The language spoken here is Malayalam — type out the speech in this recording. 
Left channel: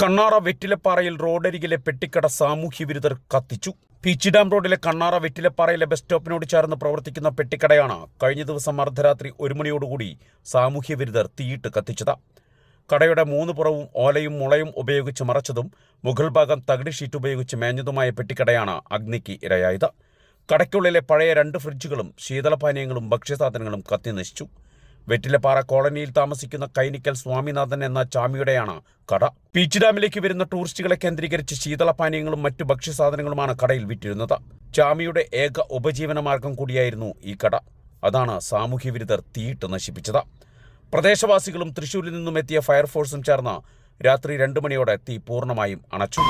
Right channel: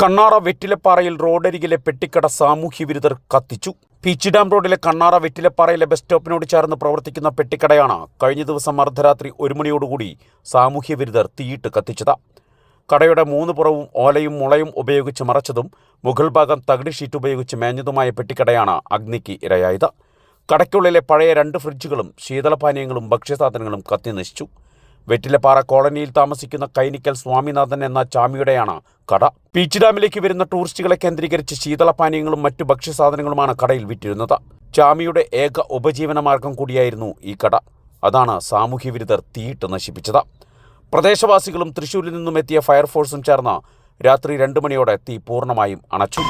കണ്ണാറ വെറ്റിലപ്പാറയിൽ റോഡരികിലെ പെട്ടിക്കട സാമൂഹ്യവിരുദ്ധർ കത്തിച്ചു. പീച്ചി ഡാം റോഡിലെ കണ്ണാറ വെറ്റിലപ്പാറയിലെ ബസ് സ്റ്റോപ്പിനോട് ചേർന്ന് പ്രവർത്തിക്കുന്ന പെട്ടിക്കടയാണ് കഴിഞ്ഞ ദിവസം അർദ്ധരാത്രി 1 മണിയോടുകൂടി സാമൂഹ്യവിരുദ്ധർ തീയിട്ട് കത്തിച്ചത്. കടയുടെ 3 പുറവും ഓലയും മുളയും ഉപയോഗിച്ച് മറച്ചതും മുകൾ ഭാഗം തകിട് ഷീറ്റ് ഉപയോഗിച്ച് മേഞ്ഞതുമായ പെട്ടിക്കടയാണ് അഗ്നിക്ക് ഇരയായത്. കടയ്ക്കുള്ളിലെ പഴയ 2 ഫ്രിഡ്ജുകളും ശീതളപാനീയങ്ങളും ഭക്ഷ്യസാധനങ്ങളും കത്തിനശിച്ചു. വെറ്റിലപ്പാറ കോളനിയിൽ താമസിക്കുന്ന കൈനിക്കൽ സ്വാമിനാഥൻ എന്ന ചാമിയുടെയാണ് കട. പീച്ചി ഡാമിലേക്ക് വരുന്ന ടൂറിസ്റ്റുകളെ കേന്ദ്രീകരിച്ച് ശീതളപാനീയങ്ങളും മറ്റു ഭക്ഷ്യസാധനങ്ങളുമാണ് കടയിൽ വിറ്റിരുന്നത്. ചാമിയുടെ ഏക ഉപജീവനമാർഗം കൂടിയായിരുന്നു ഈ കട. അതാണ് സാമൂഹ്യവിരുദ്ധർ തീയിട്ട് നശിപ്പിച്ചത്. പ്രദേശവാസികളും തൃശ്ശൂരിൽ നിന്നും എത്തിയ ഫയർഫോഴ്സും ചേർന്ന് രാത്രി 2 മണിയോടെ തീ പൂർണ്ണമായും അണച്ചു.